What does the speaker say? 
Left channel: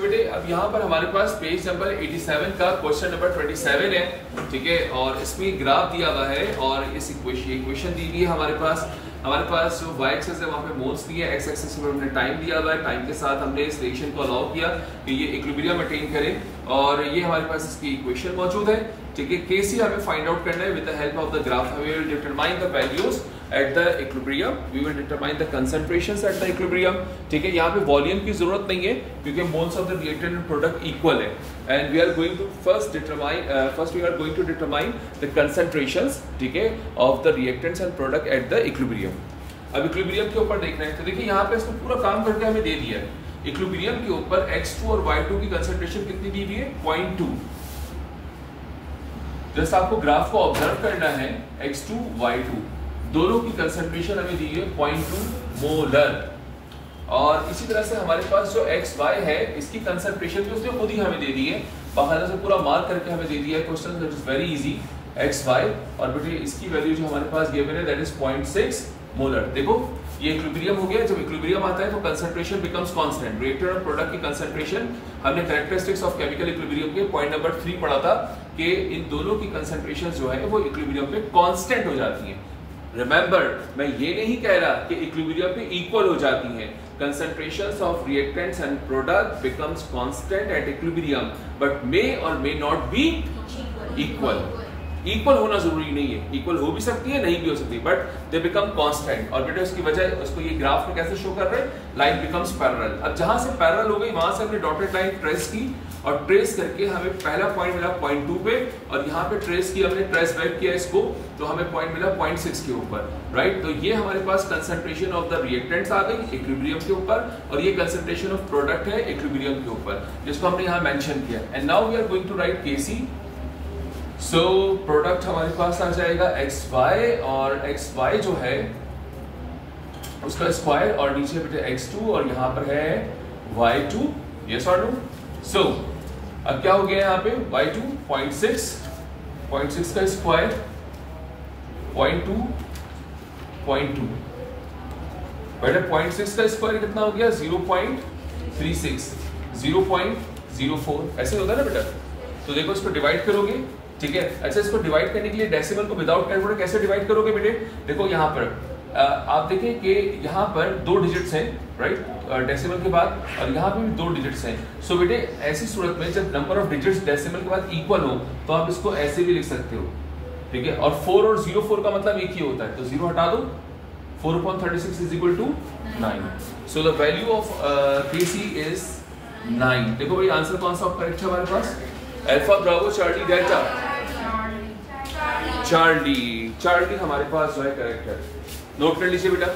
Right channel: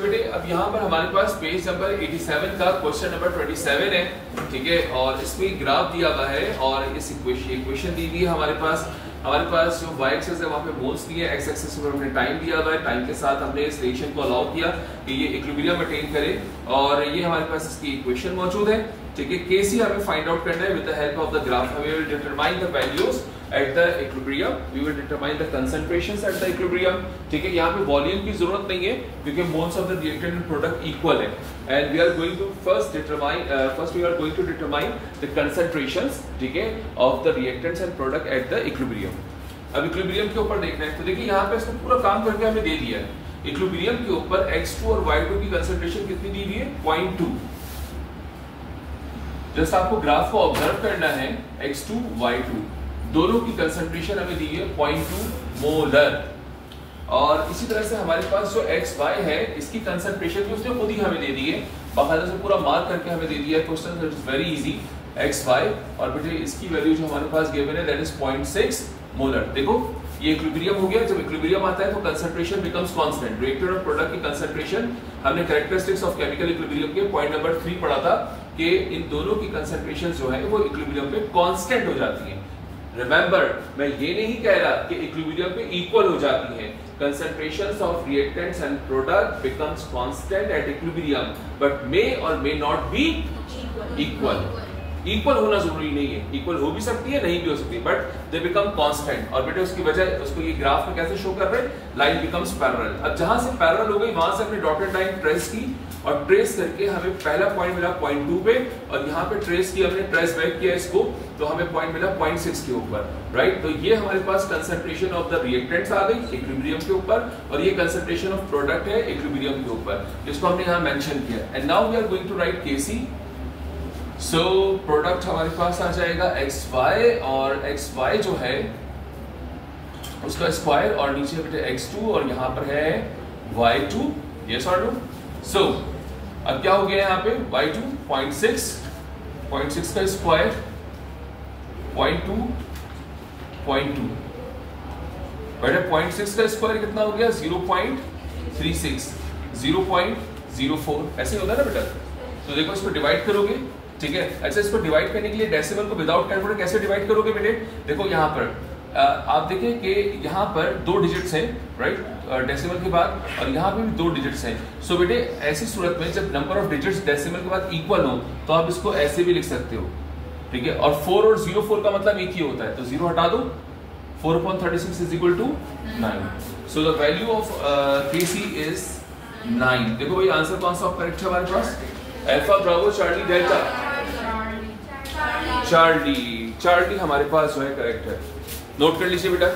बेटे अब यहाँ पर हमारे पास पेज नंबर 87 का क्वेश्चन नंबर 27 है, ठीक है। और इसमें ग्राफ दिया गया है और इस इक्वेशन दी हुई है हमारे पास जो y एक्सिस है वहाँ पे मोल्स दिए हैं, x एक्सिस पर हमने टाइम दिया हुआ है। टाइम के साथ हमने इस रिएक्शन को अलाउ किया कि ये इक्विलिब्रियम अटेन करे और ये हमारे पास इसकी इक्वेशन मौजूद है, ठीक है। Kc हमें फाइंड आउट करना है with the help of the graph. We will determine the values at the equilibrium, we will determine the concentrations at the equilibrium, ठीक है। यहाँ पे वॉल्यूम की जरूरत नहीं है क्योंकि moles of the reactant and product equal है। And we are going to first we are going to determine the concentrations, ठीक है, of the reactants and product at the equilibrium. अब इक्विलिब्रियम के ऊपर देख रहे हैं तो देखिए यहाँ पे इसको पूरा काम करके हमें दे दिया है। इक्विलिब्रियम के ऊपर x2 और y2 की कंसंट्रेशन कितनी दी हुई है? 0.2। जस्ट आपको ग्राफ को ऑब्जर्व करना है, x2 y2 दोनों की कंसंट्रेशन हमें दी है 0.2 मोलर। और इसी तरह से हमारे पास जो xy है इसकी कंसंट्रेशन भी उसने खुद ही हमें दे दी है, बाकायदा से पूरा मार्क करके हमें दे दिया है। Question that is very easy. xy और बेटे इसकी वैल्यू जो हमारे पास गिवन है दैट इज 0.6 मोलर। देखो ये इक्विलिब्रियम हो गया। जब इक्विलिब्रियम आता है तो कंसंट्रेशन बिकम्स कांस्टेंट। रिएक्टेंट और प्रोडक्ट की कंसंट्रेशन हमने कैरेक्टरिस्टिक्स ऑफ केमिकल इक्विलिब्रियम के पॉइंट नंबर 3 पढ़ा था कि इन दोनों की कंसंट्रेशन जो है वो इक्विलिब्रियम पे कांस्टेंट हो जाती है। रिमेंबर मैं ये नहीं कह रहा कि इक्विलिब्रियम पे इक्वल हो जाती है। Concentrations of reactants and product becomes constant at equilibrium but may और may not be equal. Equal होना जरूरी नहीं है, इक्वल हो भी सकती है नहीं भी हो सकती, बट दे बिकम कांस्टेंट। और बेटे उसकी वजह उसको ये ग्राफ में कैसे शो कर रहे हैं? Line becomes parallel. अब जहां से पैरेलल हो गई वहां से हमने डॉटेड लाइन ट्रेस की और ट्रेस करके हमें पहला पॉइंट मिला 0.2 पे और यहाँ पे ट्रेस की हमने ट्रेस बैक किया इसको तो हमें पॉइंट मिला 0.6 के ऊपर, राइट। तो ये हमारे पास कंसंट्रेशन ऑफ द रिएक्टेंट्स आ गई इक्विलिब्रियम के ऊपर और ये कंसंट्रेशन ऑफ प्रोडक्ट है इक्विलिब्रियम के ऊपर, जिसको हमने यहाँ मेंशन किया। And now we are going to write Kc। So product हमारे पास आ जाएगा xy और xy जो है उसका स्क्वायर और नीचे बेटे x2 और यहाँ पर है y2। यस और नो? सो अब क्या हो गया यहाँ पे? y2 0.6 का स्क्वायर 0.2 बेटे 0.6 का स्क्वायर कितना हो गया? 0.36 0.04 ऐसे होगा ना बेटा। तो देखो इसको डिवाइड करोगे, ठीक है। अच्छा इसको डिवाइड करने के लिए डेसिमल को विदाउट कैलकुलेटर कैसे डिवाइड करोगे बेटे? देखो यहाँ पर आप देखिए कि यहाँ पर 2 डिजिट्स हैं, राइट, डेसिमल के बाद, और यहाँ पे भी 2 डिजिट्स हैं। सो बेटे ऐसी सूरत में जब नंबर ऑफ डिजिट्स डेसिमल के बाद इक्वल हो तो आप इसको ऐसे भी लिख सकते हो, ठीक है। और 4 और 0.4 का मतलब एक ही होता है, तो 0 हटा दो। 4/36 is equal to 9। So the value of Kc is 9। देखो भाई आंसर कौन सा करेक्ट है हमारे पास? Alpha bravo charlie delta charlie हमारे पास जो है करेक्ट है। नोट कर लीजिए बेटा।